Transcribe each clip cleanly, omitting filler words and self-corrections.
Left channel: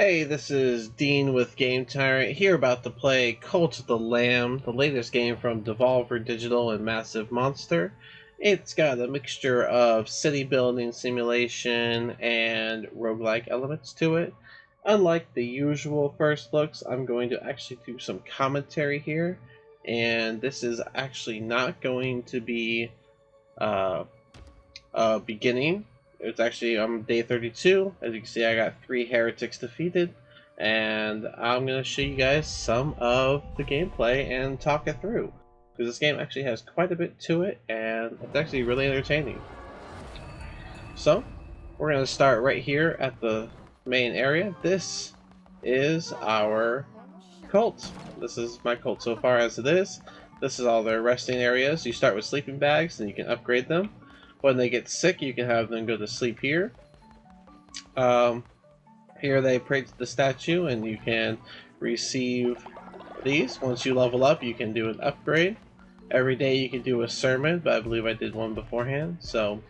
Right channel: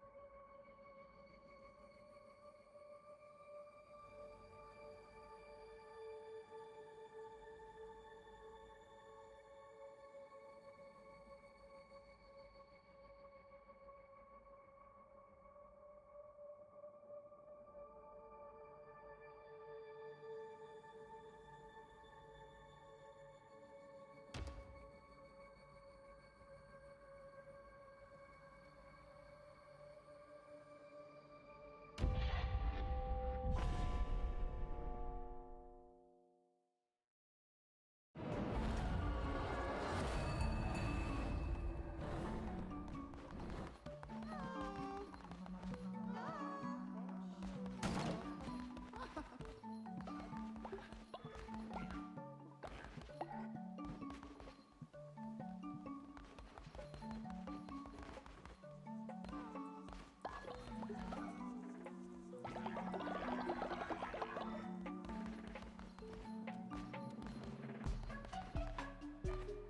Hey, this is Dean with GameTyrant, here about to play Cult of the Lamb, the latest game from Devolver Digital and Massive Monster. It's got a mixture of city building simulation and roguelike elements to it. Unlike the usual first looks, I'm going to actually do some commentary here, and this is actually not going to be uh, beginning. It's actually on day 32. As you can see, I got 3 heretics defeated, and I'm gonna show you guys some of the gameplay and talk it through, because this game actually has quite a bit to it, and it's actually really entertaining. So, we're gonna start right here at the main area. This is our cult. This is my cult so far as it is. This is all their resting areas. You start with sleeping bags, and you can upgrade them. When they get sick, you can have them go to sleep here. Here they pray to the statue, and you can receive these. Once you level up, you can do an upgrade. Every day you can do a sermon, but I believe I did one beforehand. So,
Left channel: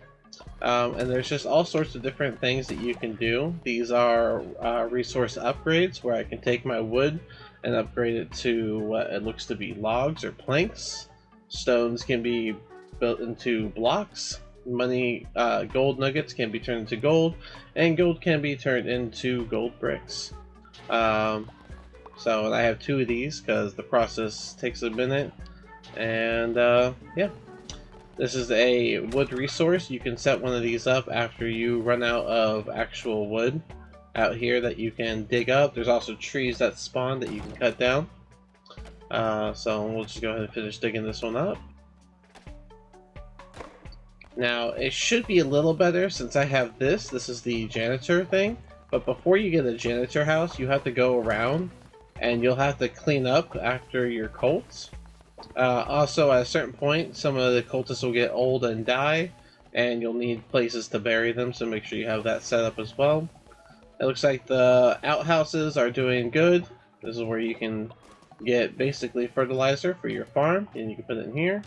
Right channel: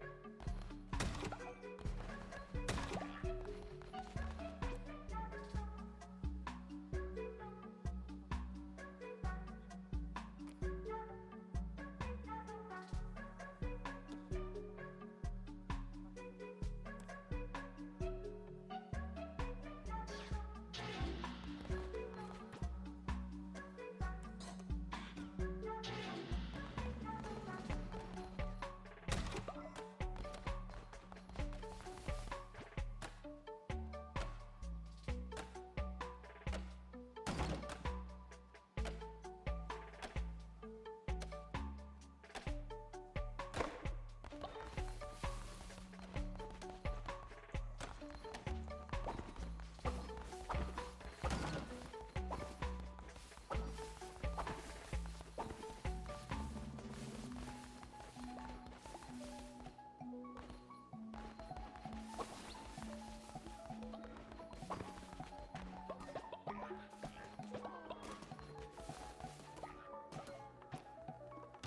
and there's just all sorts of different things that you can do. These are resource upgrades, where I can take my wood and upgrade it to what it looks to be logs or planks. Stones can be built into blocks. Money, gold nuggets can be turned into gold, and gold can be turned into gold bricks. So I have 2 of these because the process takes a minute. And yeah, this is a wood resource. You can set one of these up after you run out of actual wood out here that you can dig up. There's also trees that spawn that you can cut down. So we'll just go ahead and finish digging this one up. Now, it should be a little better since I have this. This is the janitor thing. But before you get a janitor house, you have to go around and you'll have to clean up after your cults. Also, at a certain point, some of the cultists will get old and die, and you'll need places to bury them, so make sure you have that set up as well. It looks like the outhouses are doing good. This is where you can get basically fertilizer for your farm, and you can put it in here.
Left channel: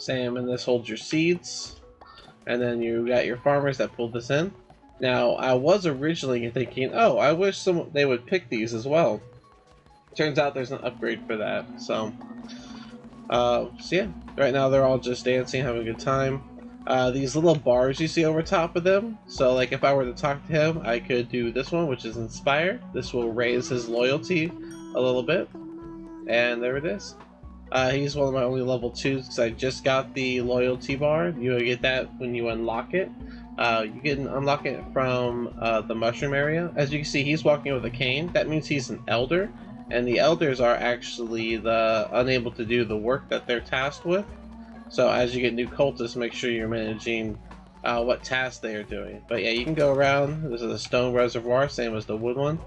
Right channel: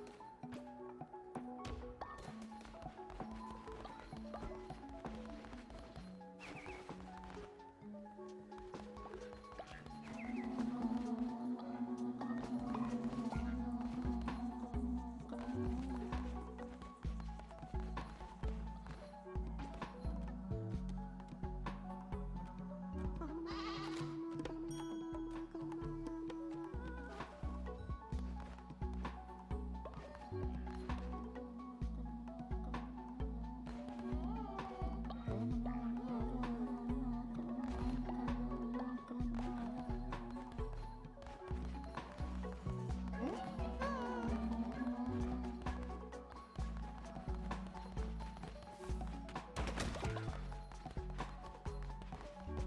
Same, and this holds your seeds, and then you got your farmers that pulled this in. Now, I was originally thinking, oh, I wish they would pick these as well. Turns out there's an upgrade for that. So yeah, right now they're all just dancing, having a good time. These little bars you see over top of them, so like if I were to talk to him, I could do this one, which is inspire. This will raise his loyalty a little bit, and there it is. He's one of my only level 2s because I just got the loyalty bar. You get that when you unlock it. You can unlock it from the mushroom area. As you can see, he's walking with a cane. That means he's an elder, and the elders are actually unable to do the work that they're tasked with. So as you get new cultists, make sure you're managing what tasks they are doing. But yeah, you can go around. This is a stone reservoir, same as the wood one.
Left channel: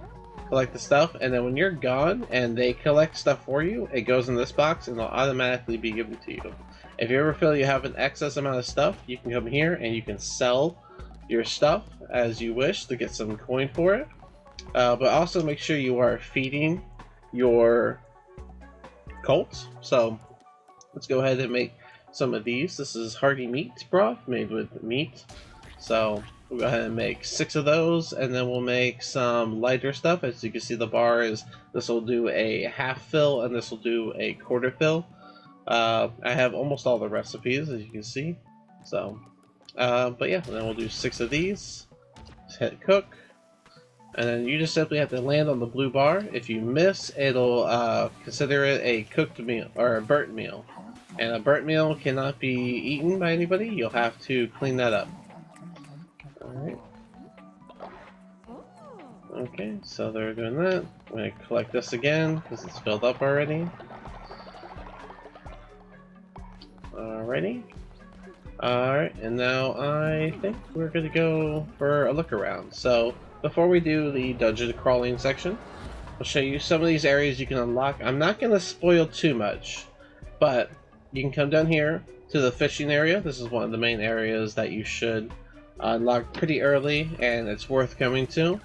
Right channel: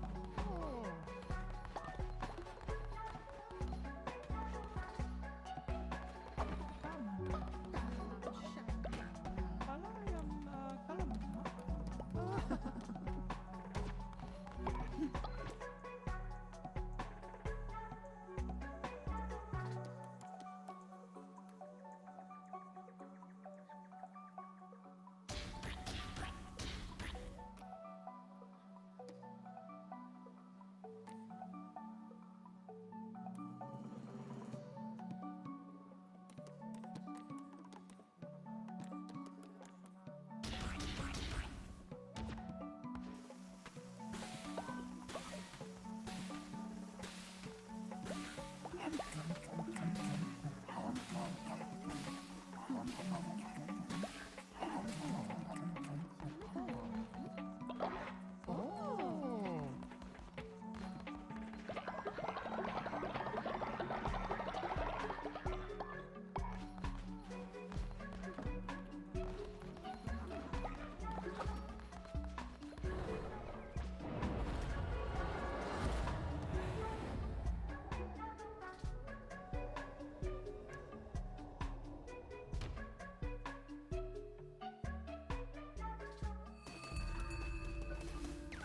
Collect the stuff, and then when you're gone and they collect stuff for you, it goes in this box and it'll automatically be given to you. If you ever feel you have an excess amount of stuff, you can come here and you can sell your stuff as you wish to get some coin for it. But also make sure you are feeding your cults. So let's go ahead and make some of these. This is hearty meat broth made with meat. So we'll go ahead and make 6 of those, and then we'll make some lighter stuff. As you can see, the bar is, this will do a half fill and this will do a quarter fill. I have almost all the recipes, as you can see. So but yeah, and then we'll do 6 of these. Just hit cook, and then you just simply have to land on the blue bar. If you miss, it'll consider it a cooked meal or a burnt meal, and a burnt meal cannot be eaten by anybody. You'll have to clean that up. Alright. Okay, so they're doing that. I'm going to collect this again because it's filled up already. Alrighty. Alright, and now I think we're going to go for a look around. So before we do the dungeon crawling section, I'll show you some of these areas you can unlock. I'm not going to spoil too much, but you can come down here to the fishing area. This is one of the main areas that you should unlock pretty early, and it's worth coming to.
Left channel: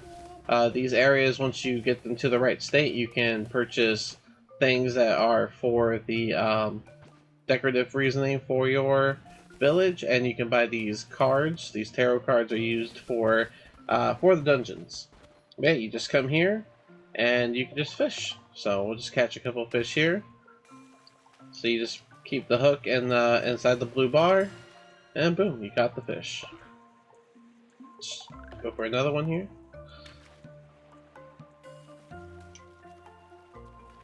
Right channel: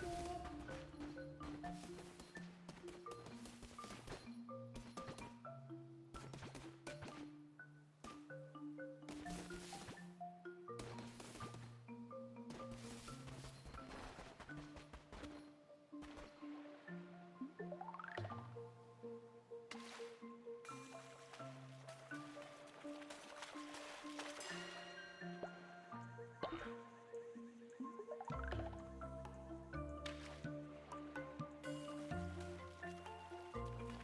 These areas, once you get them to the right state, you can purchase things that are for the decorative reasoning for your village, and you can buy these cards. These tarot cards are used for the dungeons. yeah, you just come here and you can just fish. So we'll just catch a couple fish here. So you just keep the hook in inside the blue bar, and boom, you caught the fish. Just go for another one here.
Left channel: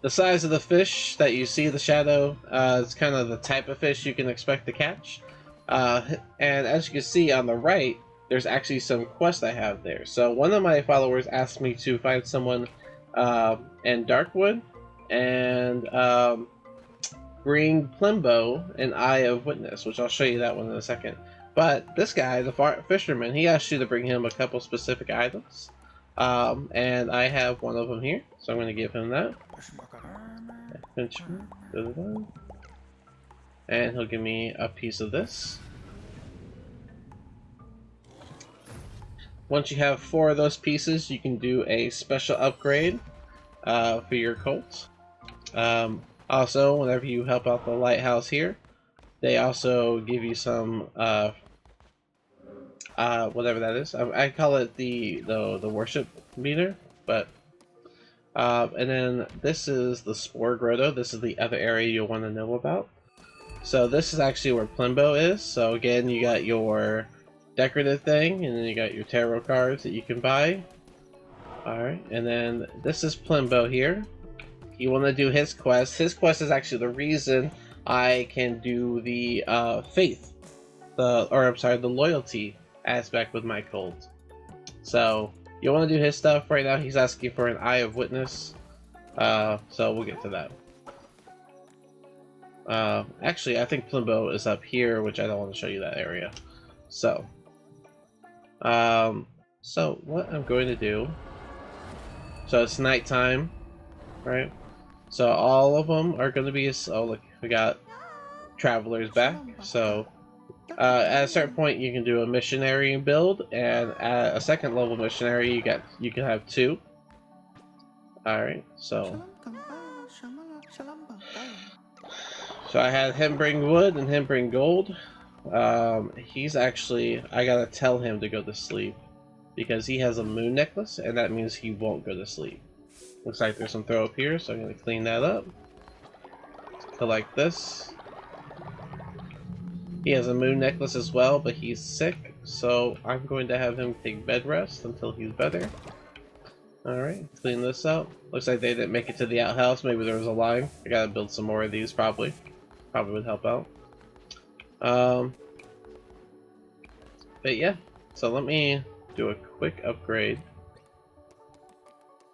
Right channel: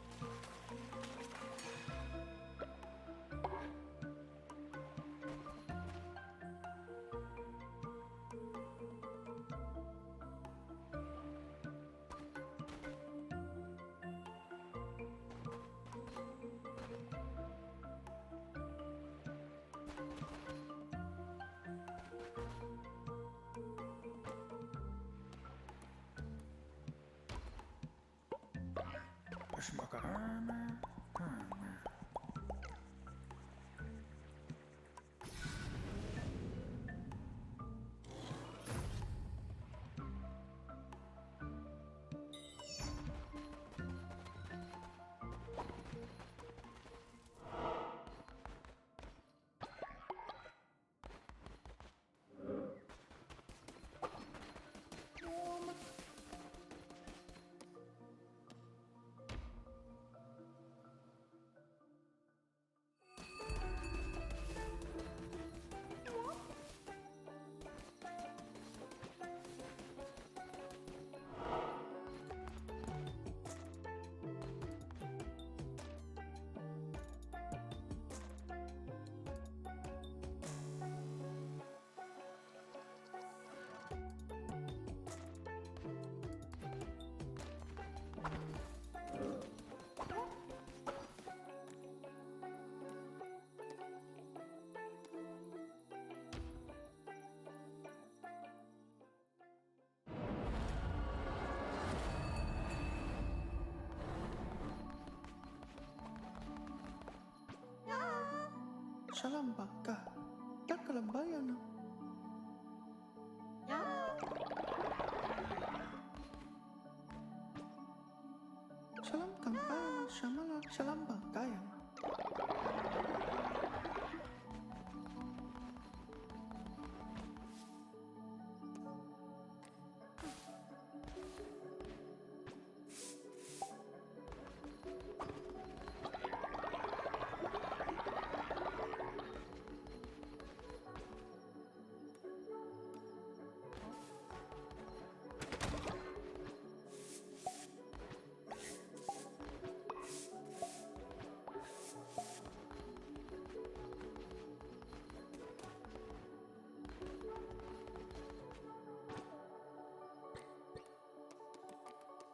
The size of the fish that you see, the shadow, is kind of the type of fish you can expect to catch. And as you can see on the right, there's actually some quests I have there. So one of my followers asked me to find someone in Darkwood and bring Plimbo an Eye of Witness, which I'll show you that one in a second. But this guy, the fisherman, he asked you to bring him a couple specific items. And I have one of them here, so I'm going to give him that. And he'll give me a piece of this. Once you have 4 of those pieces, you can do a special upgrade for your cult. Also, whenever you help out the lighthouse here, they also give you some whatever that is. I call it the worship meter, but and then this is the Spore Grotto. This is the other area you'll want to know about. So this is actually where Plimbo is. So again, you got your decorative thing, and then you got your tarot cards that you can buy. Alright, and then this is Plimbo here. You want to do his quest. His quest is actually the reason I can do the faith, the loyalty aspect with my cult. So you want to do his stuff right now. He's asking for an Eye of Witness, so we'll get to that. Actually, I think Plimbo is up here, which I don't want to show you that area. So what I'm going to do, so it's nighttime, right? So all of them are going to be, oh look, we got travelers back. So at a certain point you can do a missionary build, and at a second level missionary you can have 2. Alright, so I had him bring wood and him bring gold. He's actually, I gotta tell him to go to sleep because he has a moon necklace, and that means he won't go to sleep. Looks like there's some throw up here, so I'm gonna clean that up. Collect this. He has a moon necklace as well, but he's sick, so I'm going to have him take bed rest until he's better. Alright, clean this up. Looks like they didn't make it to the outhouse. Maybe there was a line. I gotta build some more of these, probably. Probably would help out. But yeah, so let me do a quick upgrade.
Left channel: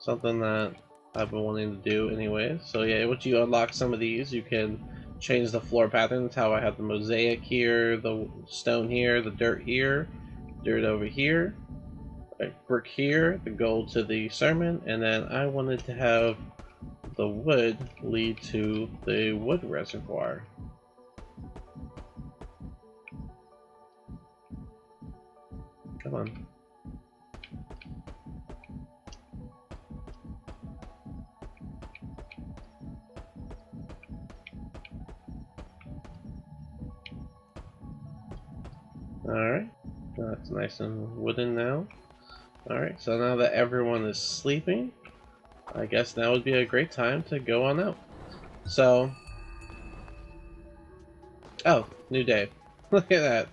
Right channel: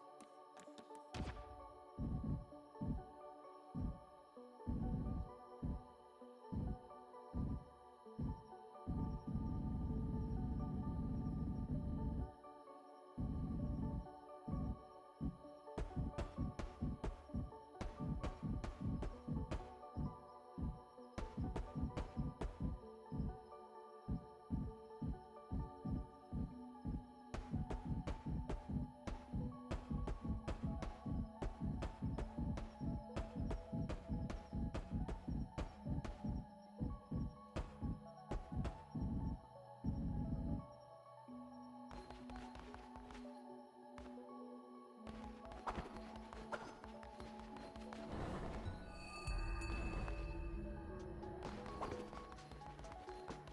Something that I've been wanting to do anyways. So yeah, once you unlock some of these, you can change the floor pattern. That's how I have the mosaic here, the stone here, the dirt here, dirt over here, brick here, the gold to the sermon, and then I wanted to have the wood lead to the wood reservoir. Come on. Alright, that's nice and wooden now. Alright, so now that everyone is sleeping, I guess now would be a great time to go on out. So, oh, new day. Look at that.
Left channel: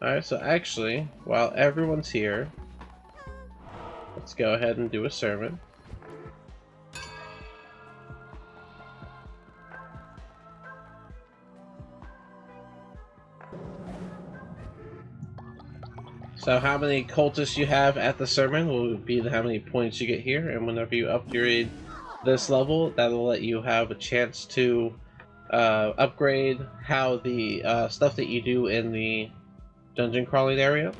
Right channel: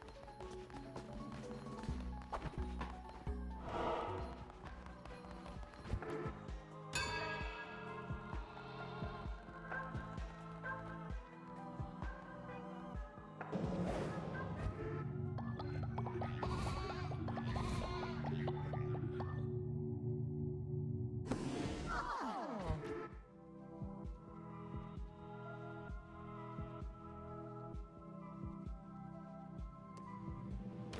Alright, so actually, while everyone's here, let's go ahead and do a sermon. So how many cultists you have at the sermon will be how many points you get here, and whenever you upgrade this level, that'll let you have a chance to upgrade how the stuff that you do in the dungeon crawling area.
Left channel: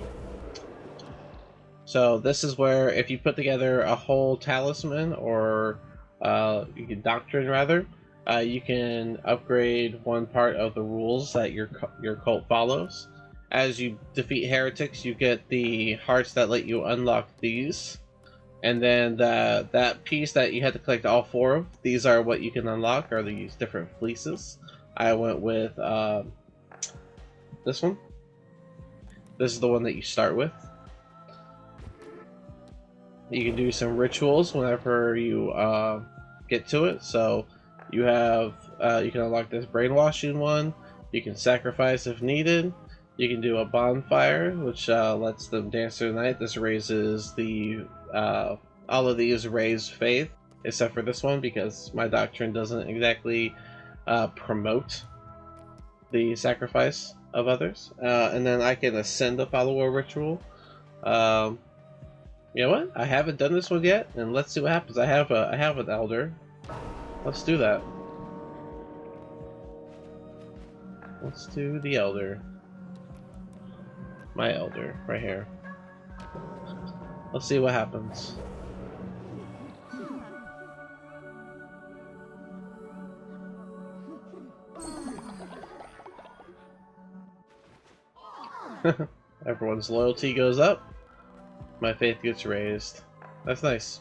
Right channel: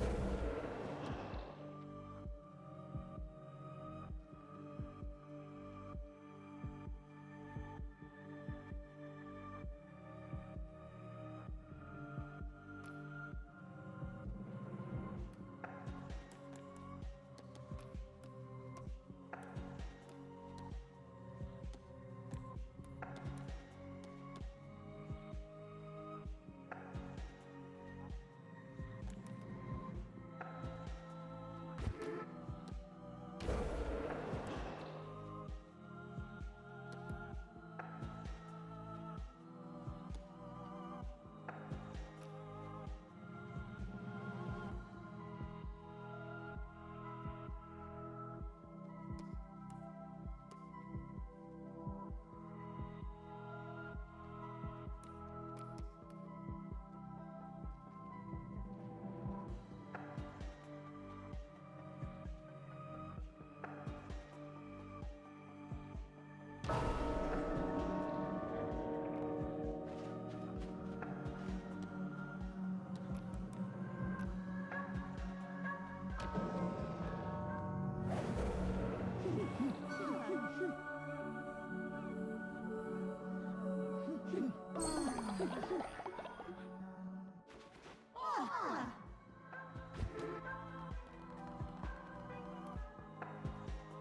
So this is where if you put together a whole talisman or doctrine rather, you can upgrade one part of the rules that your cult follows. As you defeat heretics, you get the hearts that let you unlock these. And then that piece that you had to collect all 4 of, these are what you can unlock, are these different fleeces. I went with this one. This is the one that you start with. you can do some rituals whenever you get to it. So you have you can unlock this brainwashing one. You can sacrifice if needed. You can do a bonfire, which lets them dance through the night. This raises the all of these raise faith, except for this one because my doctrine doesn't exactly promote the sacrifice of others. And then I can ascend a follower ritual. You know what? I haven't done this one yet, and let's see what happens. I have an elder. Let's do that. Let's do the elder. My elder, right here. Let's see what happens. Everyone's loyalty goes up. My faith gets raised. That's nice.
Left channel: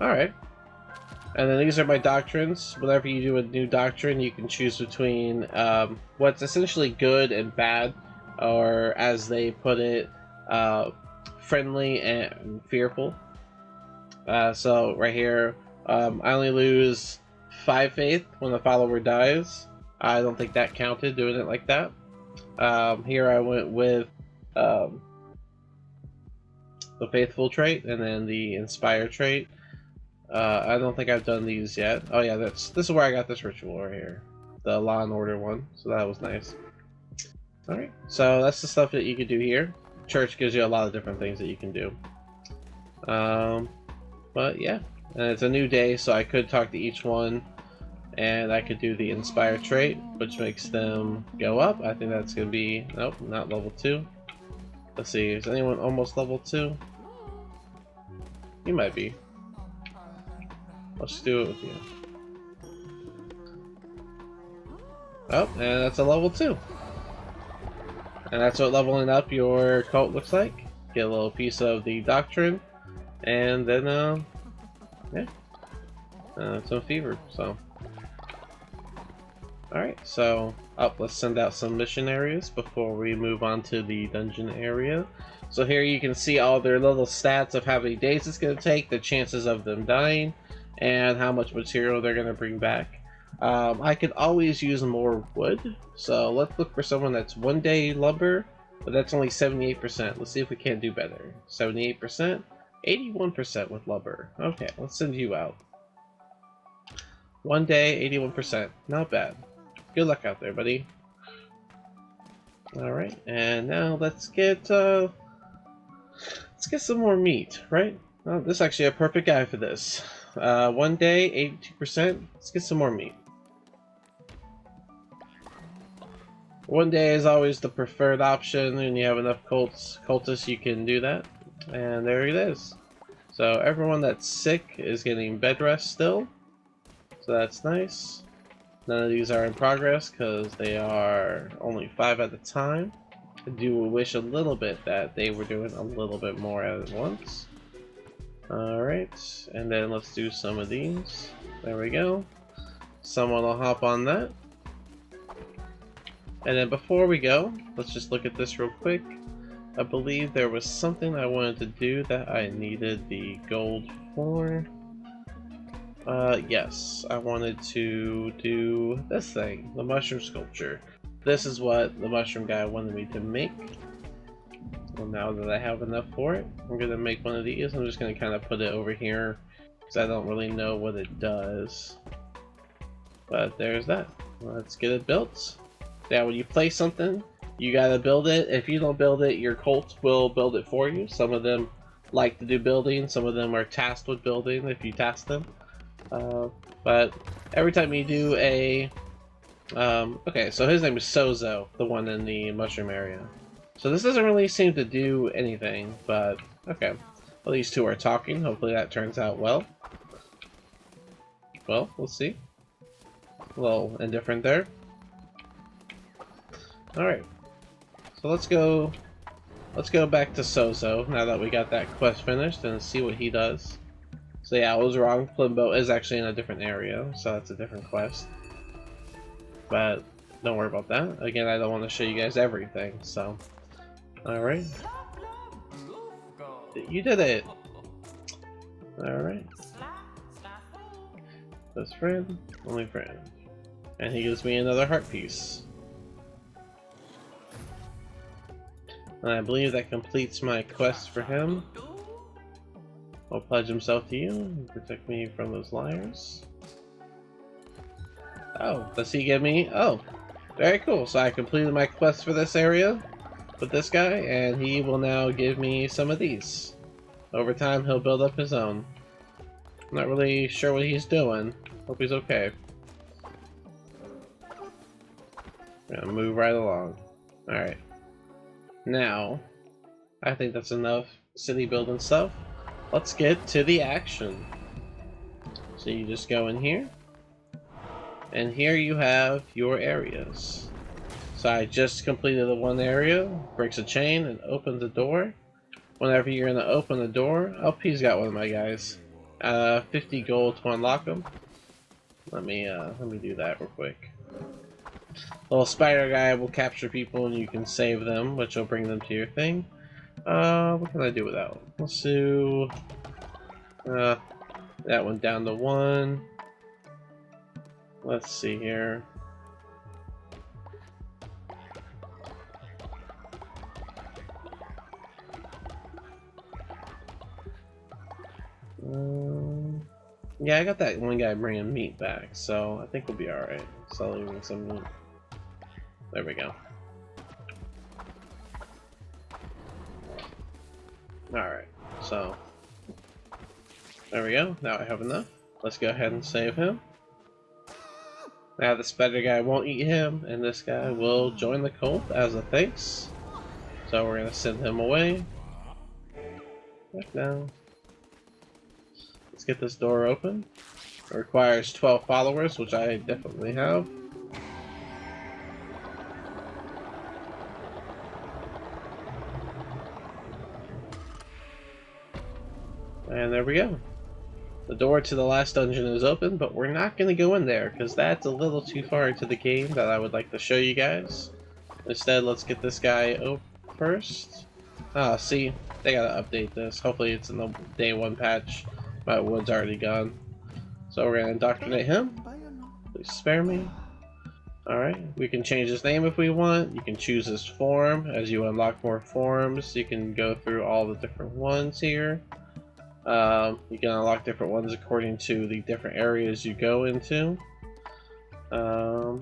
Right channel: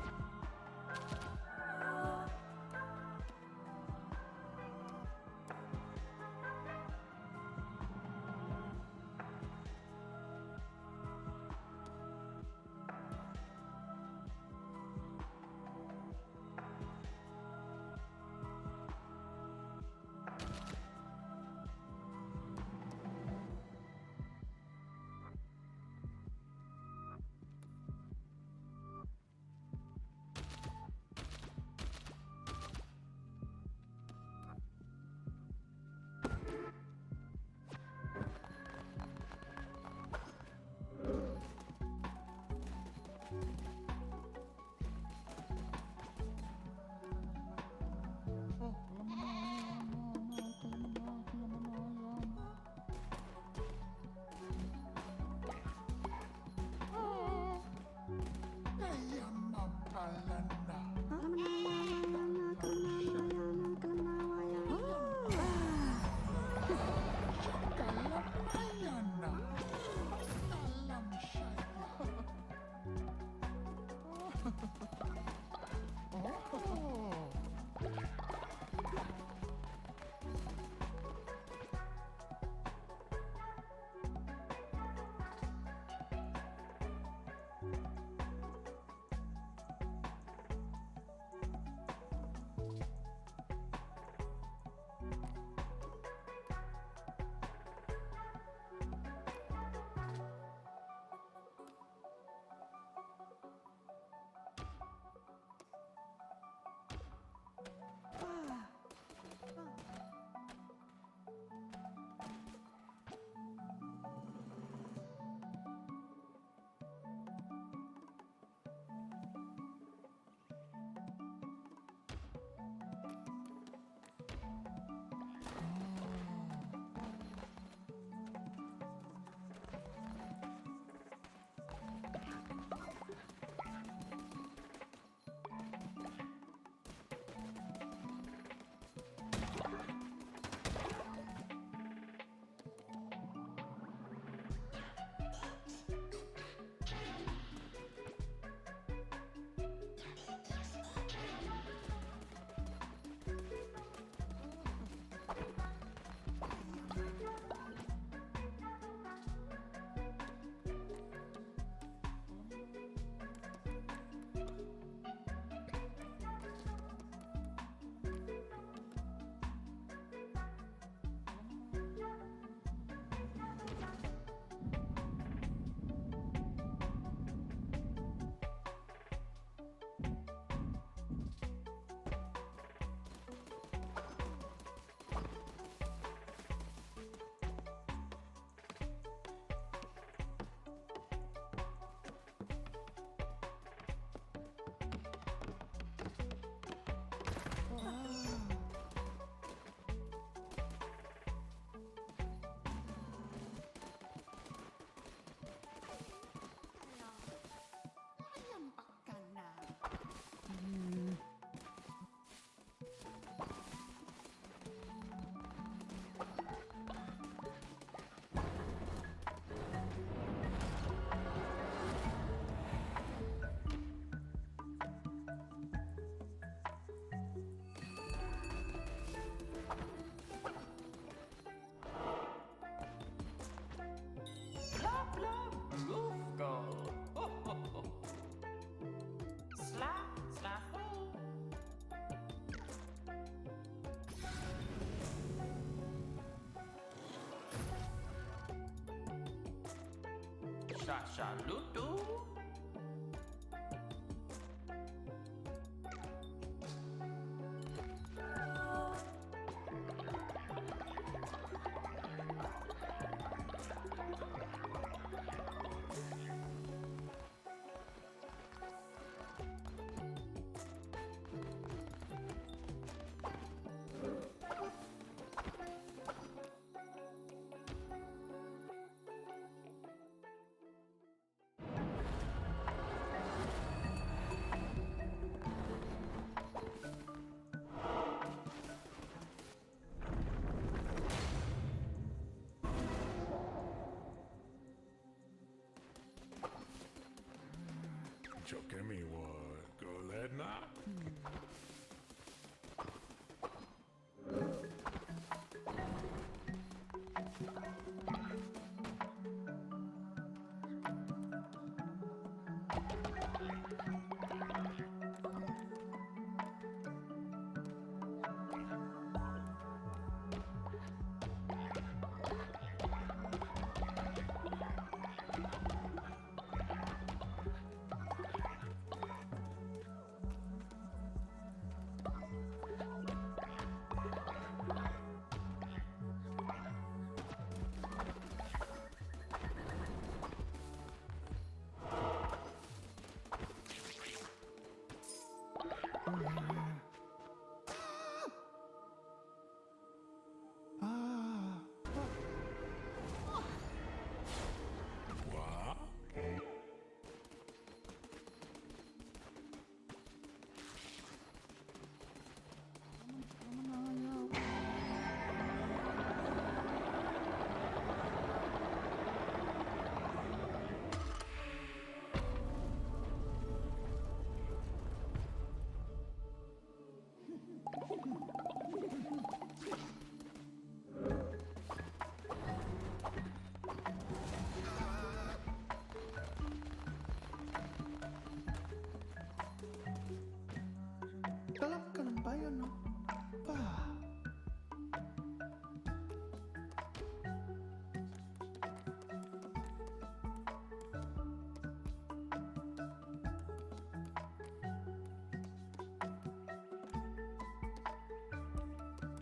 Alright. And then these are my doctrines. Whenever you do a new doctrine, you can choose between what's essentially good and bad, or as they put it, friendly and fearful. So right here, I only lose 5 faith when the follower dies. I don't think that counted doing it like that. Here I went with the faithful trait and then the inspire trait. I don't think I've done these yet. Oh yeah, this is where I got this ritual right here, the Law and Order one. So that was nice. All right, so that's the stuff that you can do here. Church gives you a lot of different things that you can do. But yeah, and it's a new day, so I could talk to each one, and I could do the inspire trait, which makes them go up. I think that's gonna be nope, not level 2. Let's see, is anyone almost level 2? You might be. Let's do it with you. Oh, and that's a level 2. And that's what leveling up your cult looks like. Get a little piece of the doctrine, and then yeah, some fever. So, all right. So, let's send out some missionaries before we move on to the dungeon area. So here you can see all their little stats of how many days it's going to take, the chances of them dying, and how much material they're going to bring back. I could always use more wood, so let's look for someone that's 1 day lumber, but that's only 78%. Let's see if we can't do better. 78%, 81% with lumber. Okay, let's send you out. 1 day, 81%. Not bad. Good luck out there, buddy. All right, and now let's get some more meat, right? Oh, this is actually a perfect guy for this. 1 day, 82%. Let's get some more meat. 1 day is always the preferred option, and you have enough cultists, you can do that. And there it is. So everyone that's sick is getting bed rest still. So that's nice. None of these are in progress because they are only 5 at a time. I do wish a little bit that they were doing a little bit more at once. Alright, and then let's do some of these. There we go. Someone will hop on that. And then before we go, let's just look at this real quick. I believe there was something I wanted to do that I needed the gold for. Yes, I wanted to do this thing, the mushroom sculpture. This is what the mushroom guy wanted me to make. Well, now that I have enough for it, I'm going to make one of these. I'm just going to kind of put it over here because I don't really know what it does. But there's that. Let's get it built. Now when you play something, you gotta build it. If you don't build it, your cult will build it for you. Some of them like to do building, some of them are tasked with building if you task them. But every time you do a... okay, so his name is Sozo, the one in the mushroom area. So this doesn't really seem to do anything, but okay. Well, these two are talking. Hopefully that turns out well. Well, we'll see. A little indifferent there. Alright, so let's go back to Sozo now that we got that quest finished and see what he does. So yeah, I was wrong. Flimbo is actually in a different area, so that's a different quest. But don't worry about that. Again, I don't want to show you guys everything, so. Alright. You did it! Alright. Best friend, only friend. And he gives me another heart piece. And I believe that completes my quest for him. He'll pledge himself to you and protect me from those liars. Oh, does he give me? Oh, very cool. So I completed my quest for this area with this guy, and he will now give me some of these. Over time, he'll build up his own. I'm not really sure what he's doing. Hope he's okay. I'm gonna move right along. Alright. Now, I think that's enough city building stuff. Let's get to the action. So you just go in here. And here you have your areas. So I just completed the one area, breaks a chain, and opens the door. Whenever you're gonna open the door, oh, he's got one of my guys. 50 gold to unlock them. Let me do that real quick. Little spider guy will capture people and you can save them, which will bring them to your thing. What can I do with that one? Let's do that one down to 1. Let's see here. Yeah, I got that one guy bringing meat back, so I think we'll be alright. Slowly bring some meat. There we go. Alright, so there we go. Now I have enough. Let's go ahead and save him. Now the spider guy won't eat him, and this guy will join the cult as a thanks. So we're gonna send him away. Back down. Let's get this door open. It requires 12 followers, which I definitely have. And there we go. The door to the last dungeon is open, but we're not going to go in there because that's a little too far into the game that I would like to show you guys. Instead, let's get this guy open first. Ah, see, they gotta update this. Hopefully it's in the day 1 patch. My wood's already gone. So we're gonna indoctrinate him. Please spare me. Alright, we can change his name if we want. You can choose his form. As you unlock more forms, you can go through all the different ones here. You can unlock different ones according to the different areas you go into. So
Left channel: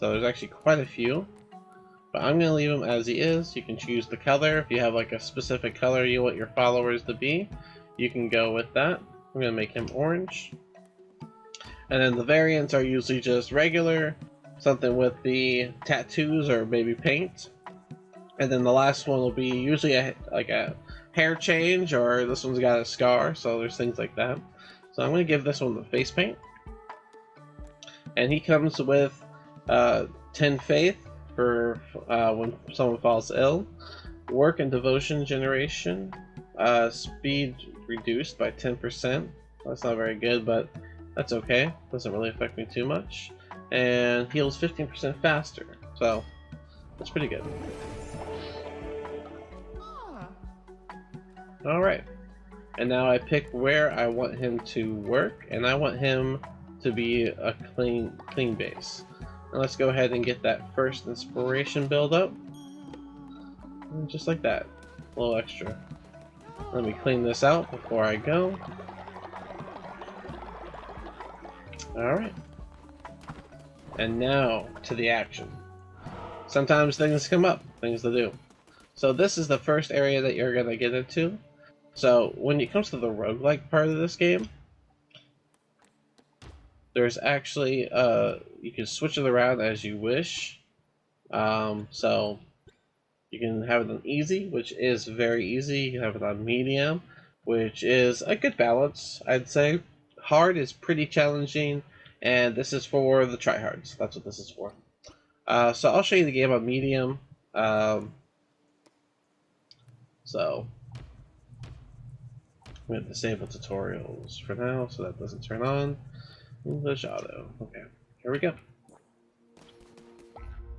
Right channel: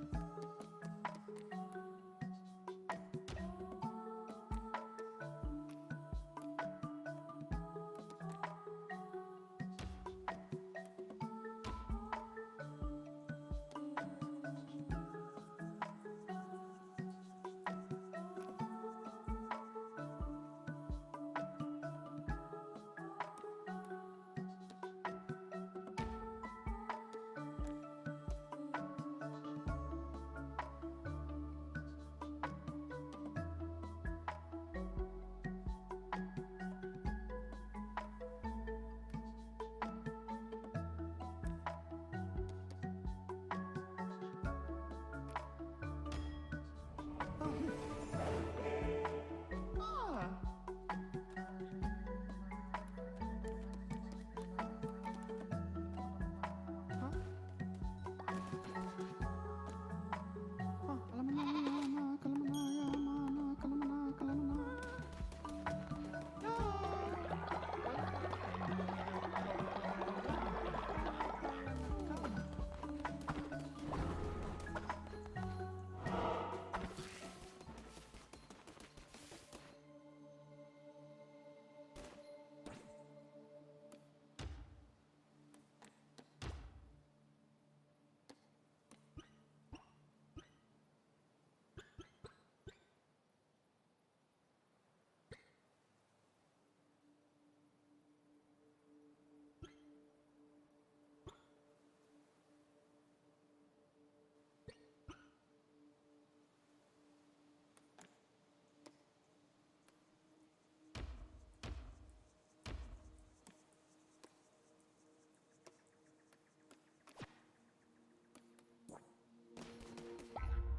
there's actually quite a few. But I'm going to leave him as he is. You can choose the color. If you have like a specific color you want your followers to be, you can go with that. I'm going to make him orange. And then the variants are usually just regular, something with the tattoos or maybe paint. And then the last one will be usually like a hair change, or this one's got a scar, so there's things like that. So I'm going to give this one the face paint. And he comes with 10 faith for when someone falls ill, work and devotion generation, speed reduced by 10%. That's not very good, but that's okay. Doesn't really affect me too much. And heals 15% faster, so that's pretty good. Alright, and now I pick where I want him to work, and I want him to be a clean base. Now let's go ahead and get that first inspiration build up. Just like that. A little extra. Let me clean this out before I go. Alright. And now to the action. Sometimes things come up, things to do. So this is the first area that you're going to get into. So when it comes to the roguelike part of this game, there's actually, you can switch it around as you wish. So you can have it on easy, which is very easy. You can have it on medium, which is a good balance, I'd say. Hard is pretty challenging, and this is for the tryhards. That's what this is for. So I'll show you the game on medium. So I'm going to disable tutorials for now, so that doesn't turn on. English auto. Okay, here we go.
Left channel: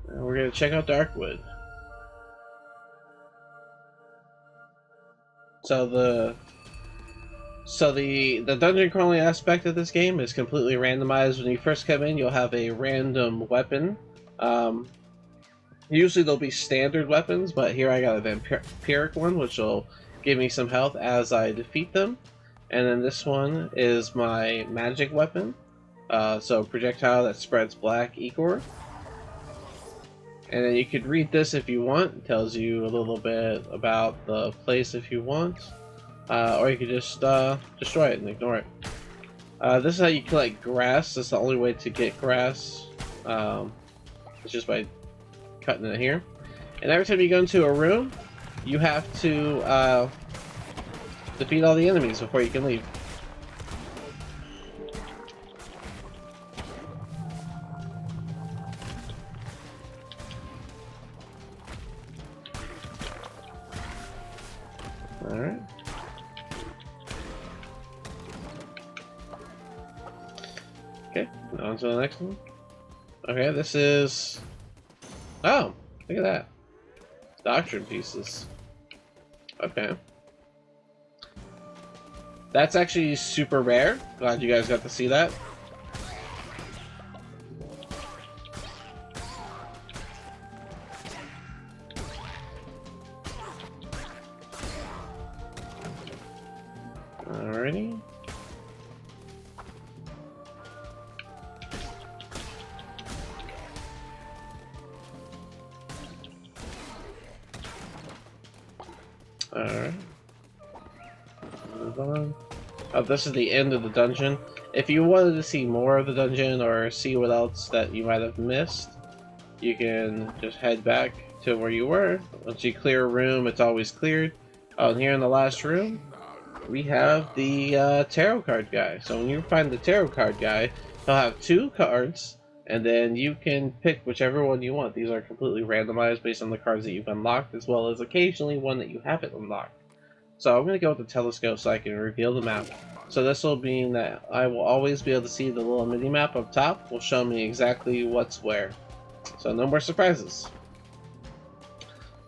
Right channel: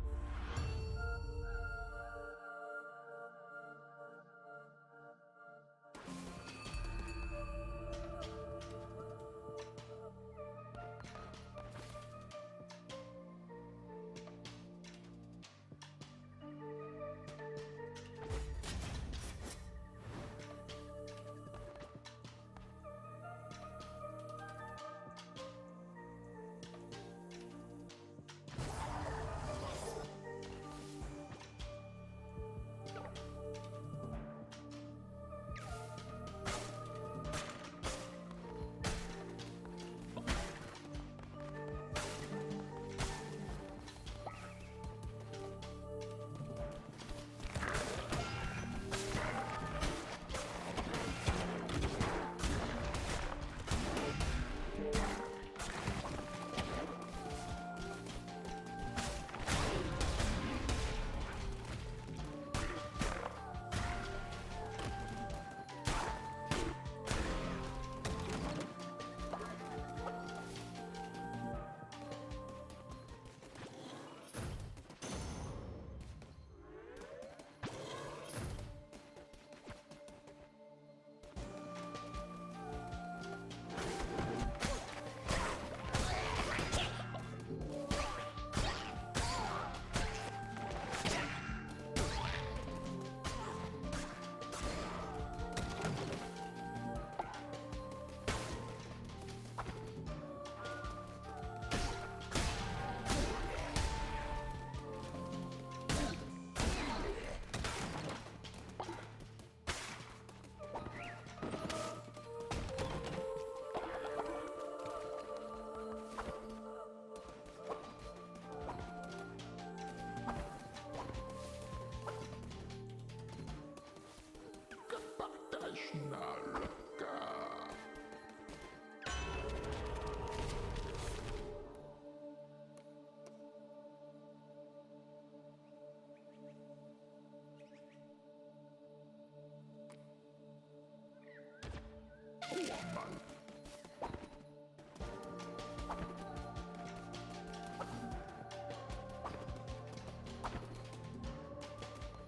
And we're going to check out Darkwood. So the dungeon crawling aspect of this game is completely randomized. When you first come in, you'll have a random weapon. Usually there'll be standard weapons, but here I got a vampiric one, which will give me some health as I defeat them. And then this one is my magic weapon. So projectile that spreads black ichor. And then you could read this if you want. It tells you a little bit about the place if you want. Or you could just destroy it and ignore it. This is how you collect grass. That's the only way to get grass. It's just by cutting it here. And every time you go into a room, you have to defeat all the enemies before you can leave. Alright. Okay, on to the next one. Okay, this is... Oh, look at that. Doctrine pieces. Okay. That's actually super rare. Glad you guys got to see that. Alrighty. Alright. Move on. Oh, this is the end of the dungeon. If you wanted to see more of the dungeon or see what else that you might have missed, you can just head back to where you were. Once you clear a room, it's always cleared. Oh, and here in the last room, we have the tarot card guy. So when you find the tarot card guy, he'll have 2 cards, and then you can pick whichever one you want. These are completely randomized based on the cards that you've unlocked, as well as occasionally one that you haven't unlocked. So I'm going to go with the telescope so I can reveal the map. So this will mean that I will always be able to see the little mini-map up top. Will show me exactly what's where. So no more surprises.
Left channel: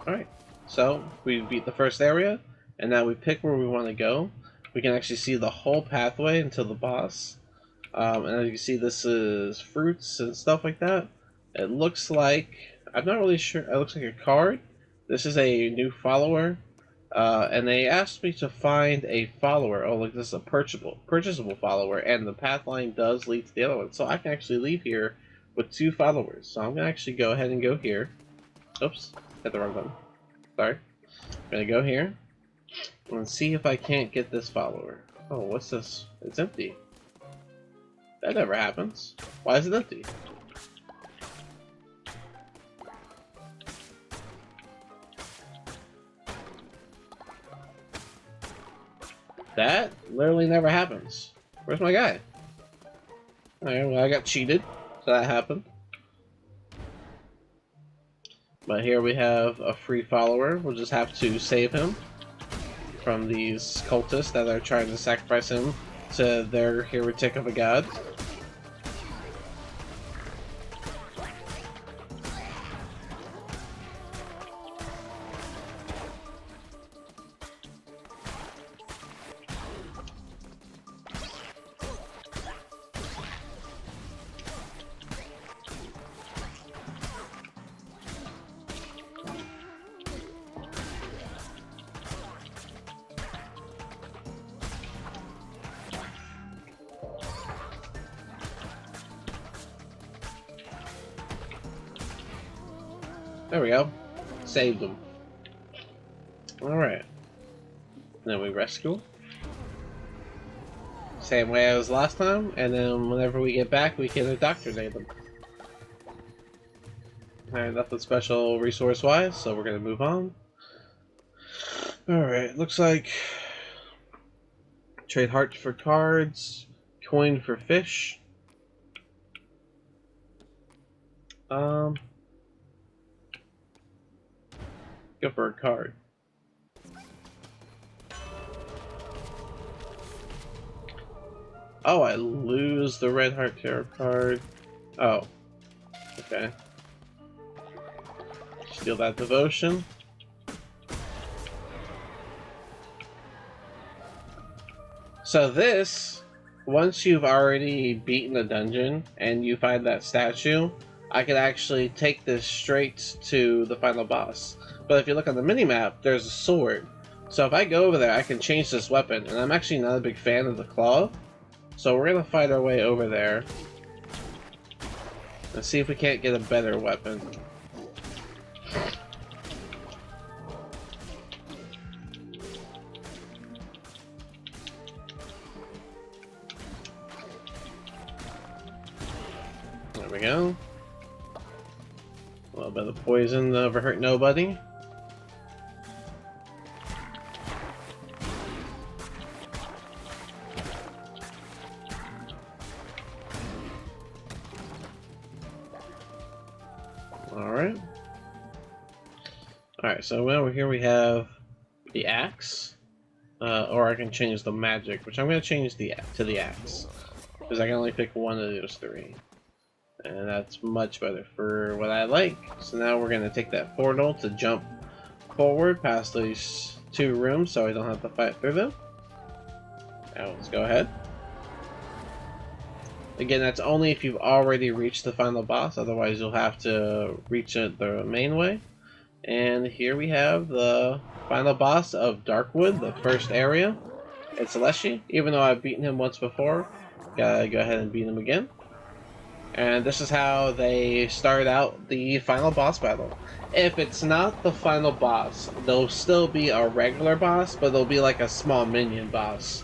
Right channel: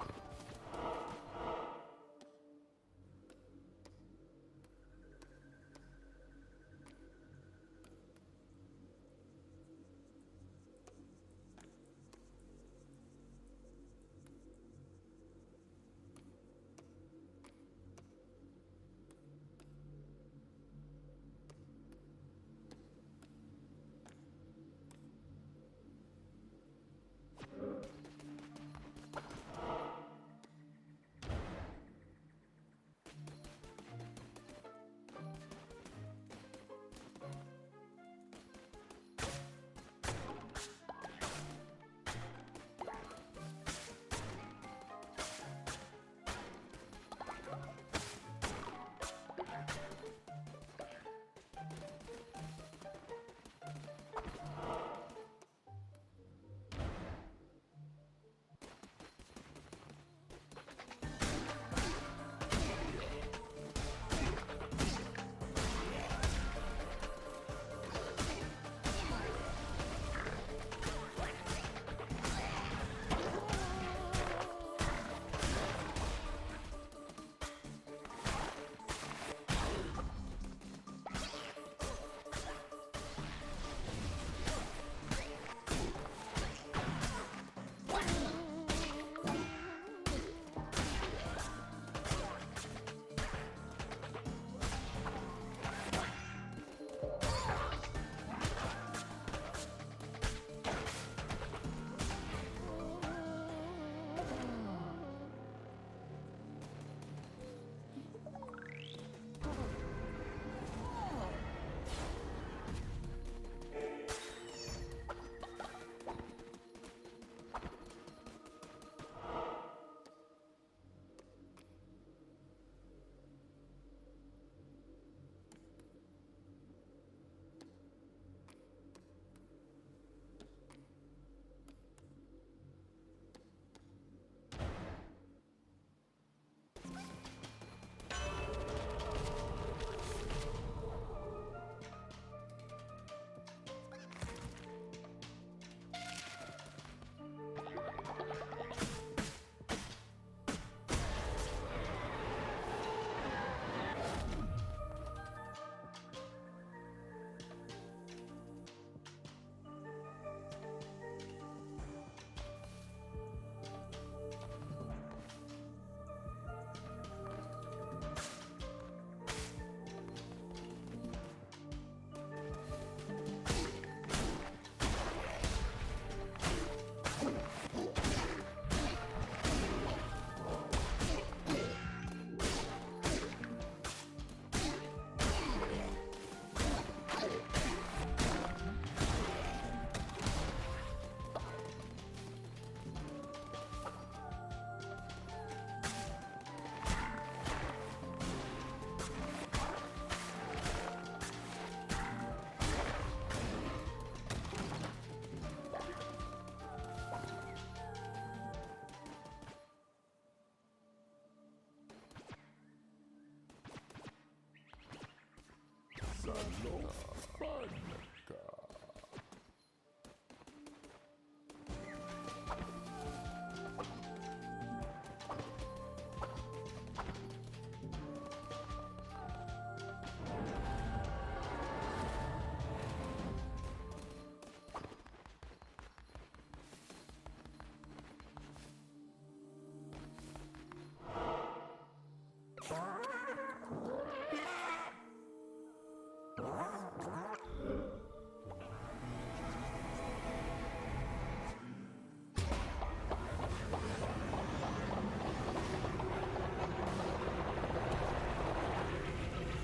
Alright, so we beat the first area, and now we pick where we want to go. We can actually see the whole pathway until the boss. And as you can see, this is fruits and stuff like that. It looks like, I'm not really sure, it looks like a card. This is a new follower. And they asked me to find a follower. Oh, look, this is a purchasable follower, and the path line does lead to the other one. So I can actually leave here with 2 followers. So I'm going to actually go ahead and go here. Oops, hit the wrong button. Sorry. I'm going to go here and see if I can't get this follower. Oh, what's this? It's empty. That never happens. Why is it empty? That literally never happens. Where's my guy? Alright, well, I got cheated, so that happened. But here we have a free follower. We'll just have to save him from these cultists that are trying to sacrifice him to their heretic of a god. There we go. Saved them. Alright. Then we rescue. Same way as last time, and then whenever we get back, we can indoctrinate them. Alright, nothing special resource-wise, so we're gonna move on. Alright, looks like... Trade hearts for cards, coin for fish. Go for a card. Oh, I lose the red heart tarot card. Oh. Okay. Steal that devotion. So this, once you've already beaten a dungeon and you find that statue, I can actually take this straight to the final boss. But if you look on the minimap, there's a sword. So if I go over there, I can change this weapon, and I'm actually not a big fan of the claw. So we're gonna fight our way over there and see if we can't get a better weapon. There we go. A little bit of poison never hurt nobody. Alright, so over here we have the axe, or I can change the magic, which I'm going to change to the axe, because I can only pick one of those three, and that's much better for what I like. So now we're going to take that portal to jump forward past these two rooms so I don't have to fight through them. Now let's go ahead. Again, that's only if you've already reached the final boss, otherwise you'll have to reach it the main way. And here we have the final boss of Darkwood, the first area. It's Leshy. Even though I've beaten him once before, gotta go ahead and beat him again. And this is how they start out the final boss battle. If it's not the final boss, there'll still be a regular boss, but there'll be like a small minion boss.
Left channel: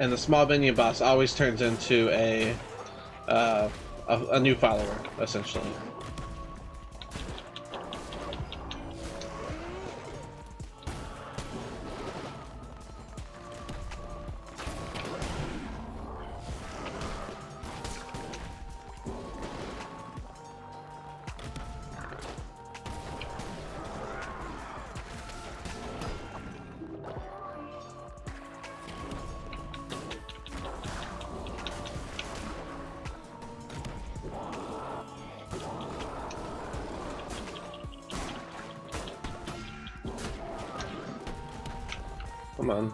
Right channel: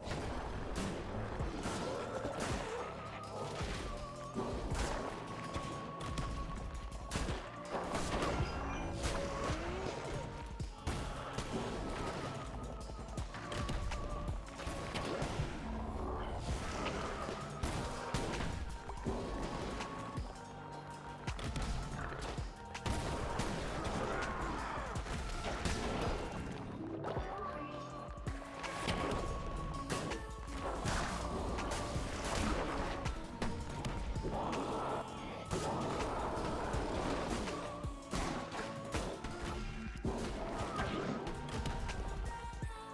And the small minion boss always turns into a new follower, essentially. Come on.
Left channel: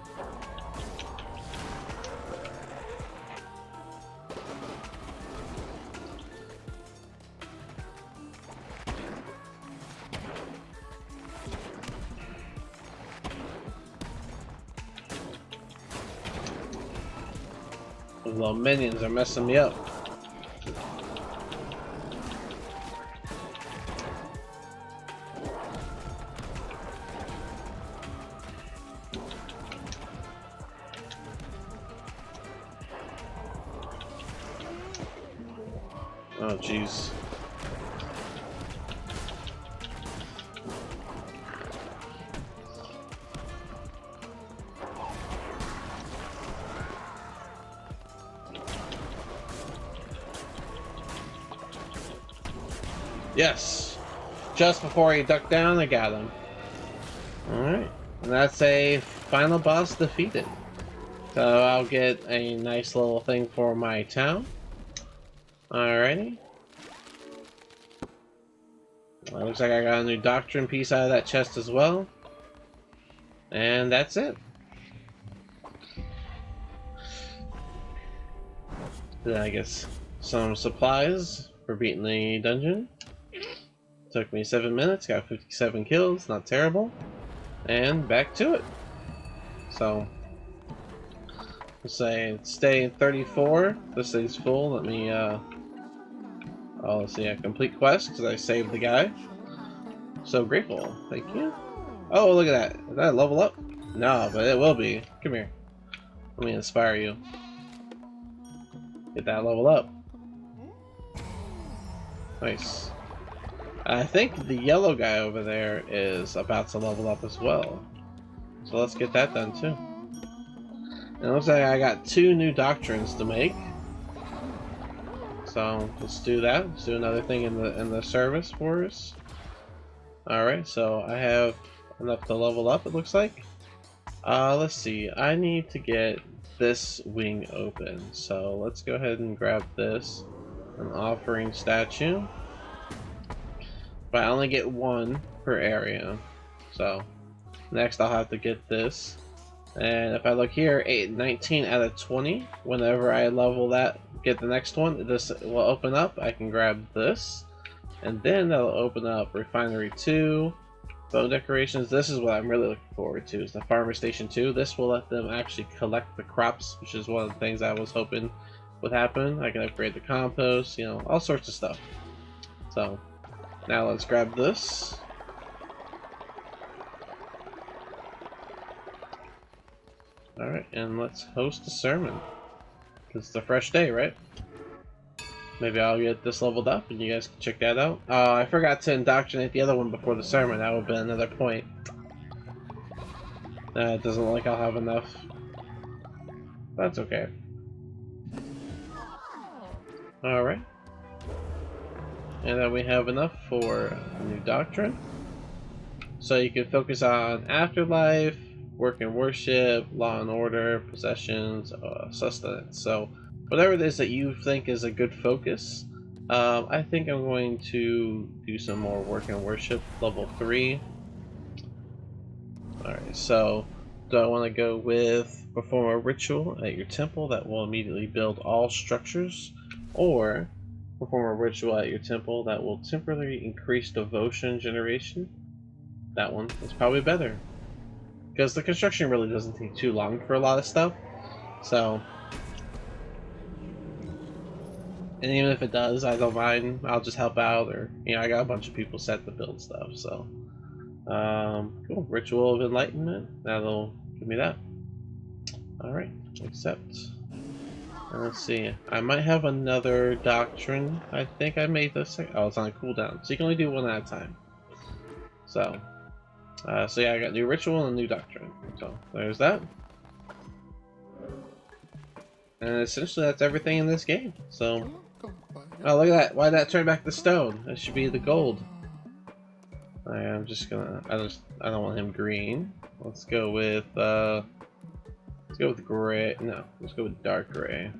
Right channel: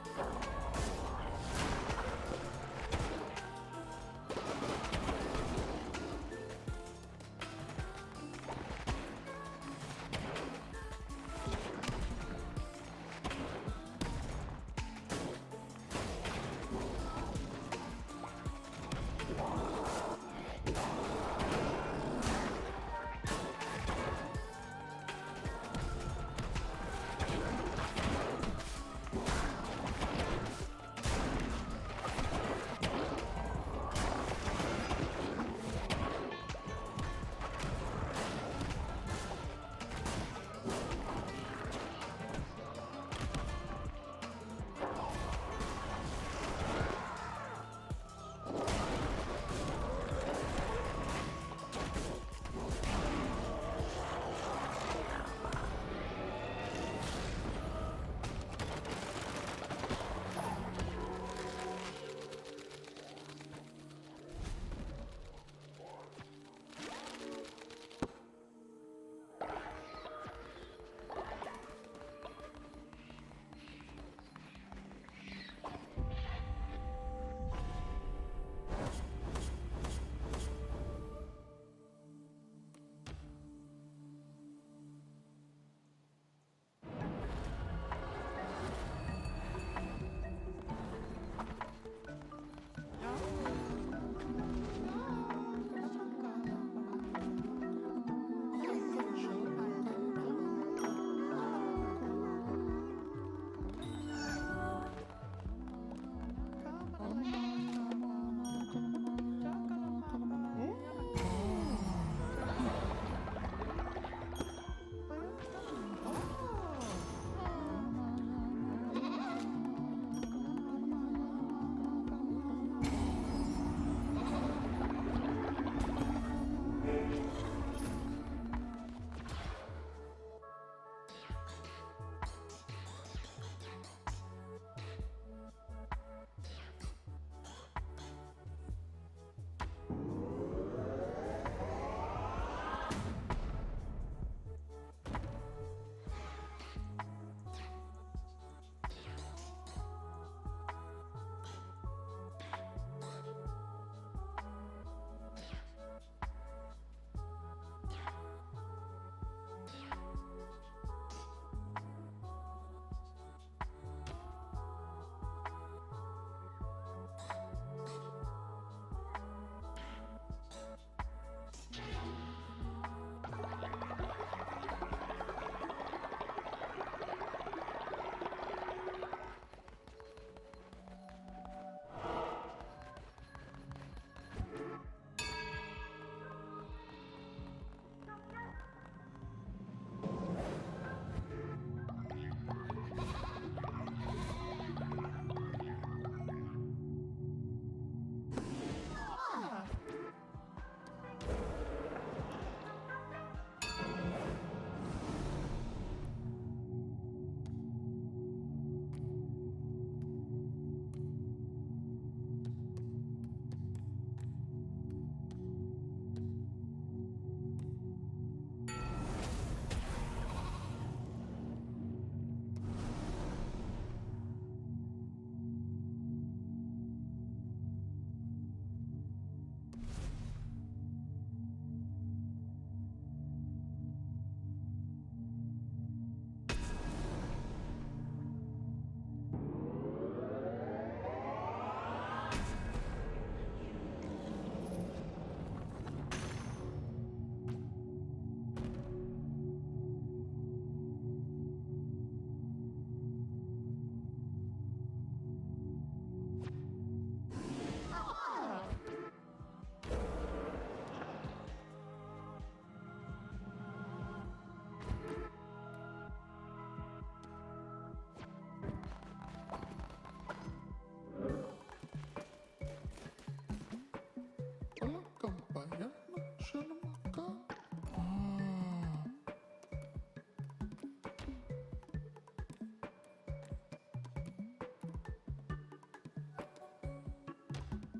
Those little minions are messing me up. Oh, jeez. Yes! Just before he ducked down, I got him. Alright. And that's a final boss defeated. So I'll get a nice little thing for my town. Alrighty. Well, looks like I got a new doctrine piece out of that chest as well. And that's it. Then I guess some supplies for beating the dungeon. Took me 7 minutes, got 57 kills, not terrible. And back to it. So, let's say stay 34. This stays full. Let me, oh, let's see, a complete quest because I saved the guy. So grateful. Thank you. Oh, look at that. Did that level up? No, but it will be. Come here. Let me inspire you. Get that level up. Nice. I think the yellow guy over there is about to level up as well. So let's get that done too. And it looks like I got 2 new doctrines to make. So let's do that. Let's do another thing in the service for us. Alright, so I have enough to level up, it looks like. Let's see. I need to get this wing open. So let's go ahead and grab this. An offering statue. But I only get 1 per area. So Next, I'll have to get this. And if I look here, 19 out of 20. Whenever I level that, get the next one, this will open up. I can grab this, and then that'll open up Refinery 2, Bow Decorations. This is what I'm really looking forward to, is the Farmer Station 2. This will let them actually collect the crops, which is one of the things I was hoping would happen. I can upgrade the compost, you know, all sorts of stuff. So, now let's grab this. Alright, and let's host a sermon. Because it's a fresh day, right? Maybe I'll get this leveled up and you guys can check that out. I forgot to indoctrinate the other one before the sermon. That would have been another point. It doesn't look like I'll have enough. That's okay. Alright. And then we have enough for a new doctrine. So you can focus on afterlife, work and worship, law and order, possessions, sustenance. So whatever it is that you think is a good focus, I think I'm going to do some more work and worship, level 3. Alright, so do I want to go with perform a ritual at your temple that will immediately build all structures, or perform a ritual at your temple that will temporarily increase devotion generation? That one is probably better, because the construction really doesn't take too long for a lot of stuff. So, and even if it does, I don't mind. I'll just help out, or you know, I got a bunch of people set to build stuff. So, cool. Ritual of Enlightenment. That'll give me that. All right, accept. And let's see. I might have another doctrine. I think I made this. Oh, it's on a cooldown, so you can only do one at a time. So. So yeah, I got new ritual and a new doctrine. So there's that. And essentially that's everything in this game. So, oh look at that! Why did that turn back to stone? That should be the gold. I'm just gonna. I don't want him green. Let's go with gray. No, let's go with dark gray.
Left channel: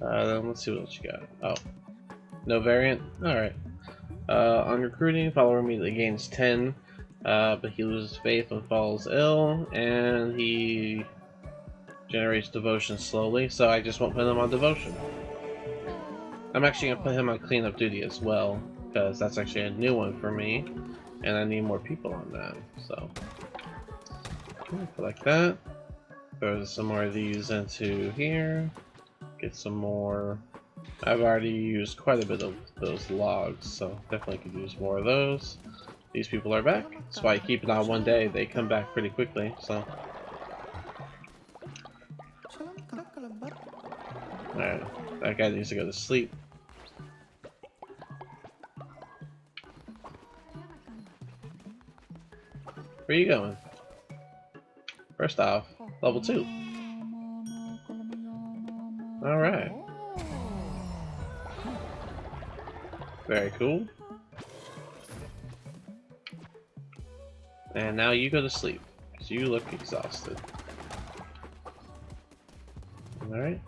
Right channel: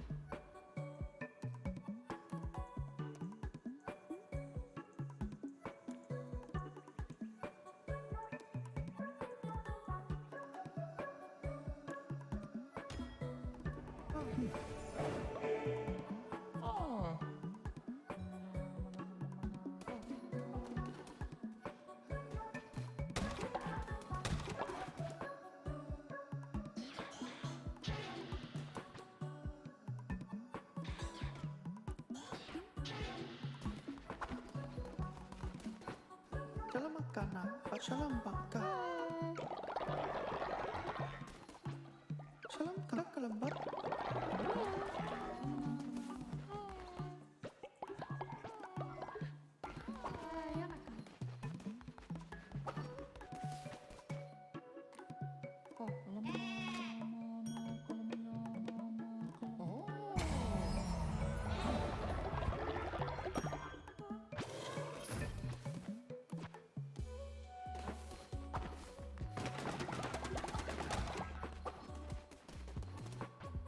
Then let's see what else you got. Oh, no variant. All right. On recruiting, follower immediately gains 10. But he loses faith when falls ill, and he generates devotion slowly, so I just won't put him on devotion. I'm actually going to put him on cleanup duty as well, because that's actually a new one for me, and I need more people on that, so. Like that. Throw some more of these into here. Get some more. I've already used quite a bit of those logs, so definitely could use more of those. These people are back. That's why I keep it on one day. They come back pretty quickly, so. Alright, that guy needs to go to sleep. Where are you going? First off, level 2. Alright. Very cool. And now you go to sleep, because you look exhausted. Alright.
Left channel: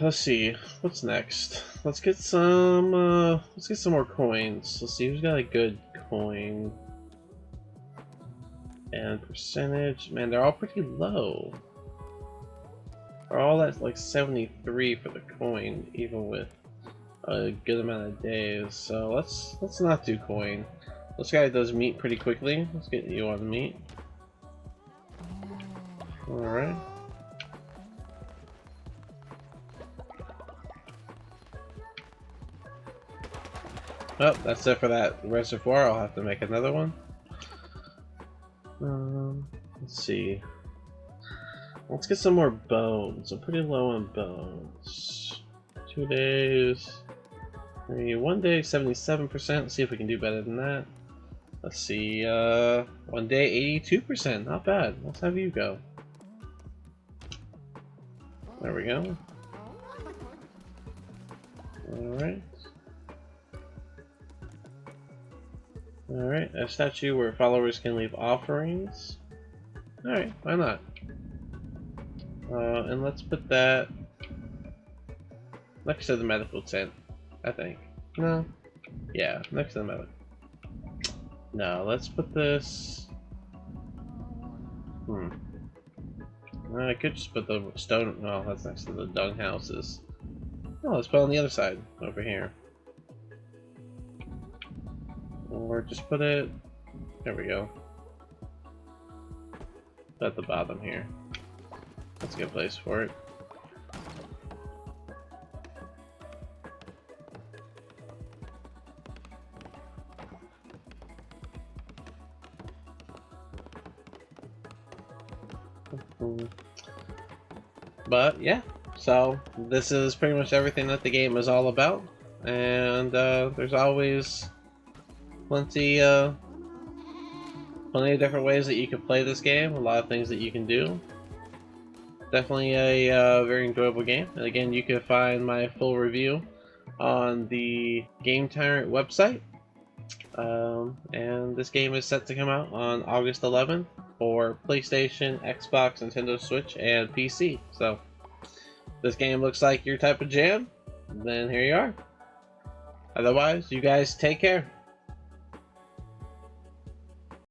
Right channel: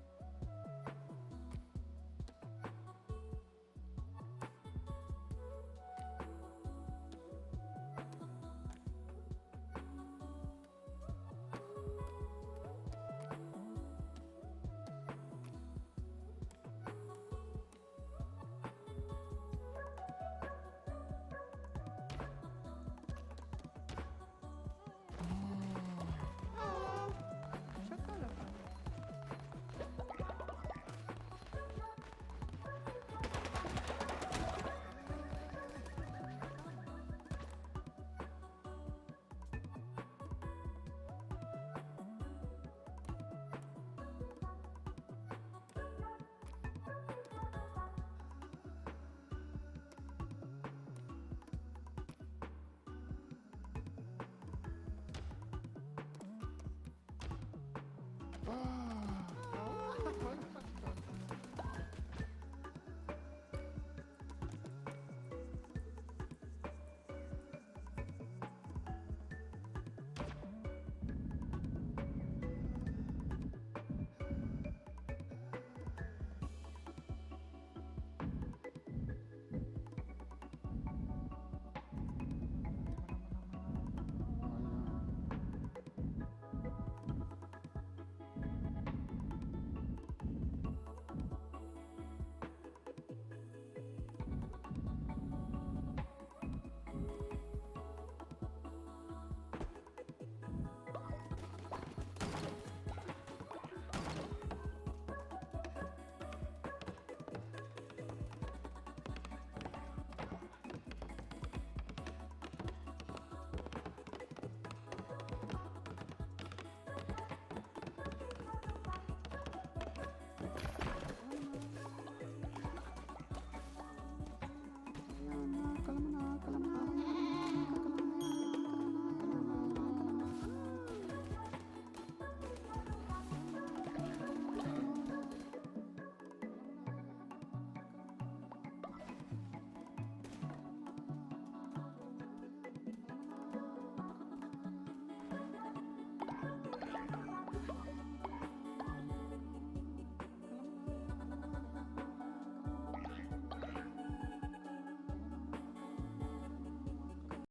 Let's see, what's next? Let's get some more coins. Let's see who's got a good coin. And percentage, man, they're all pretty low. They're all at like 73 for the coin, even with a good amount of days. So let's not do coin. This guy does meat pretty quickly. Let's get you on meat. Alright. Oh, that's it for that reservoir. I'll have to make another one. Let's see. Let's get some more bones. I'm pretty low on bones. 2 days. Maybe 1 day, 77%. Let's see if we can do better than that. Let's see, 1 day, 82%. Not bad. Let's have you go. There we go. Alright. Alright, a statue where followers can leave offerings. Alright, why not? And let's put that next to the medical tent, I think. No? Yeah, next to the medical. No, let's put this... I could just put the stone... Well, that's next to the dung houses. No, let's put it on the other side, over here. Or just put it... There we go. At the bottom here. That's a good place for it. But yeah, so this is pretty much everything that the game is all about, and there's always plenty of different ways that you can play this game. A lot of things that you can do. Definitely a very enjoyable game. And again, you can find my full review on the GameTyrant website. And this game is set to come out on August 11th for PlayStation, Xbox, Nintendo Switch, and PC. So, if this game looks like your type of jam, then here you are. Otherwise, you guys take care.